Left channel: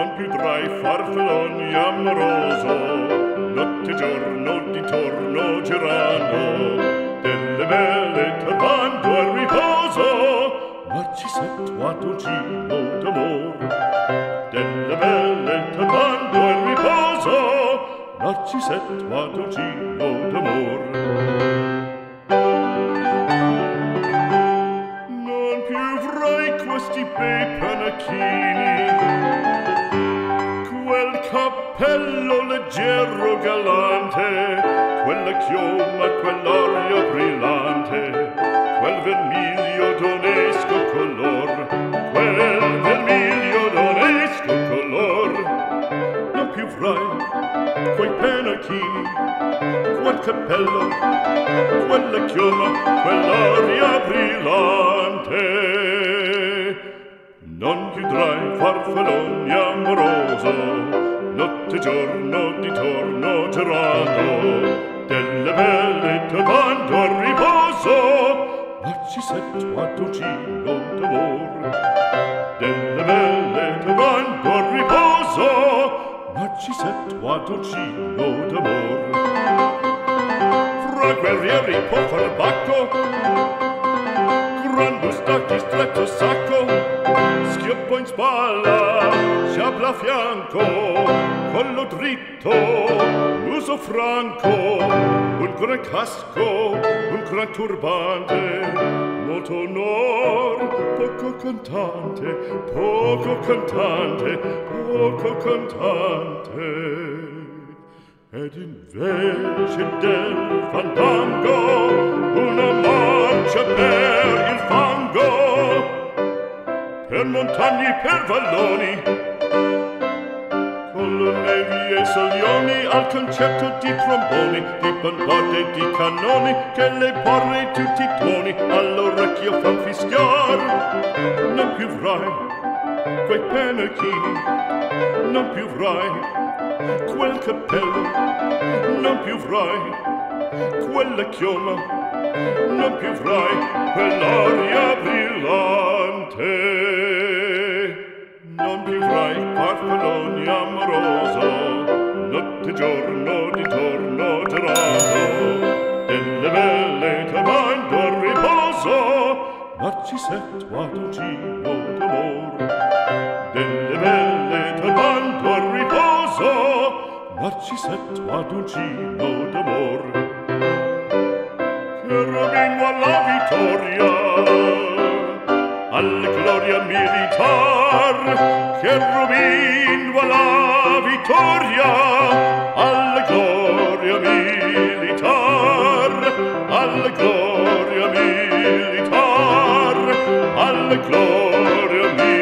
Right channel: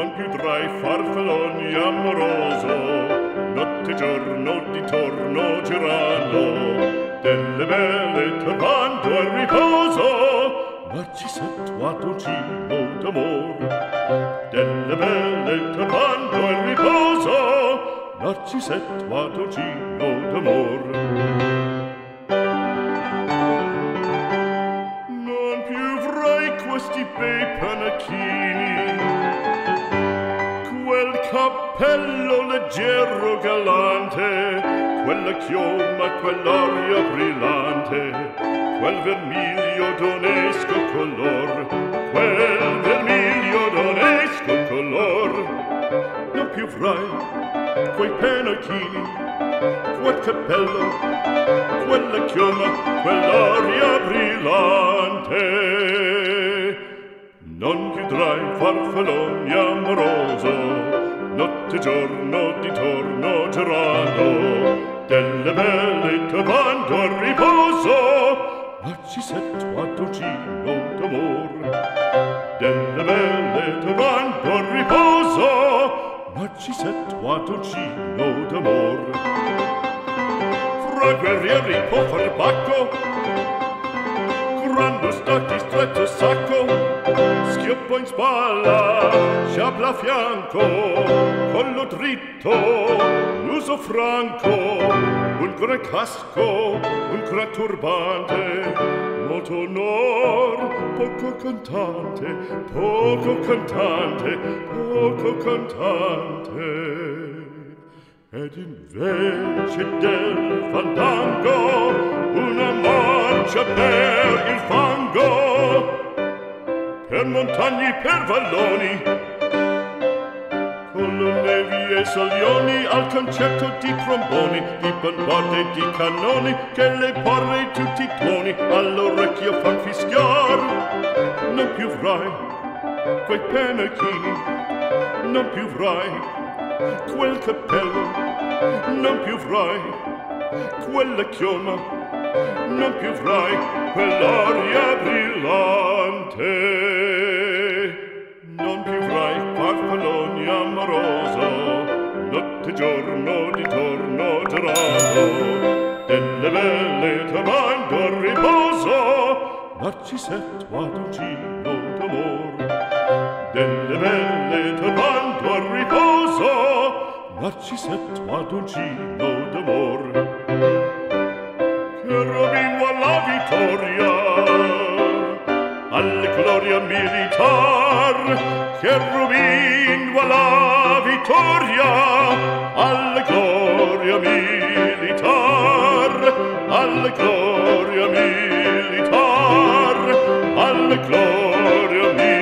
non più tra i farfalloni amoroso, notte e giorno d'intorno girano, delle belle turbando al riposo, Narcisetto a dolcino d'amor. Delle belle turbando al riposo, Narcisetto a dolcino d'amor. Non più avrai questi bei panacchini, quel cappello leggero galante, quella chioma, quell'aria brillante, quel vermiglio d'onesco color, quel vermiglio d'onesco color. Non più avrai quei pennacchini, quel cappello, quella chioma, quell'aria brillante. Non più tra i farfalloni amoroso, notte e giorno d'intorno girando, delle belle turbando al riposo, Narcisetto a dolcino d'amor. Delle belle turbando al riposo, Narcisetto a dolcino d'amor. Fra guerrieri può far bacco, gran bustacchi stretto sacco, schioppo in spalla, sciabla a fianco, collo dritto, muso franco, un gran casco, un gran turbante, molto onor, poco cantante, poco cantante, poco cantante. Ed invece del fandango una marcia per il fango, per montagne, per valloni, con le nevi e salioni, al concerto di tromboni, di bombarde e di cannoni, che le porre tutti i tuoni all'orecchio fan fischiar. Non più avrai quei pennacchini, non più avrai quel cappello, non più avrai quella chioma, non più avrai quell'aria brillante. Non più avrai farfalloni amoroso, notte e giorno d'intorno girato, delle belle turbando al riposo, Narcisetto a dolcino d'amor. Delle belle turbando al riposo, Narcisetto a dolcino d'amor. Cherubino alla vittoria, alla gloria militar, cherubino alla vittoria, alla gloria militar, alla gloria militar, alla gloria militar.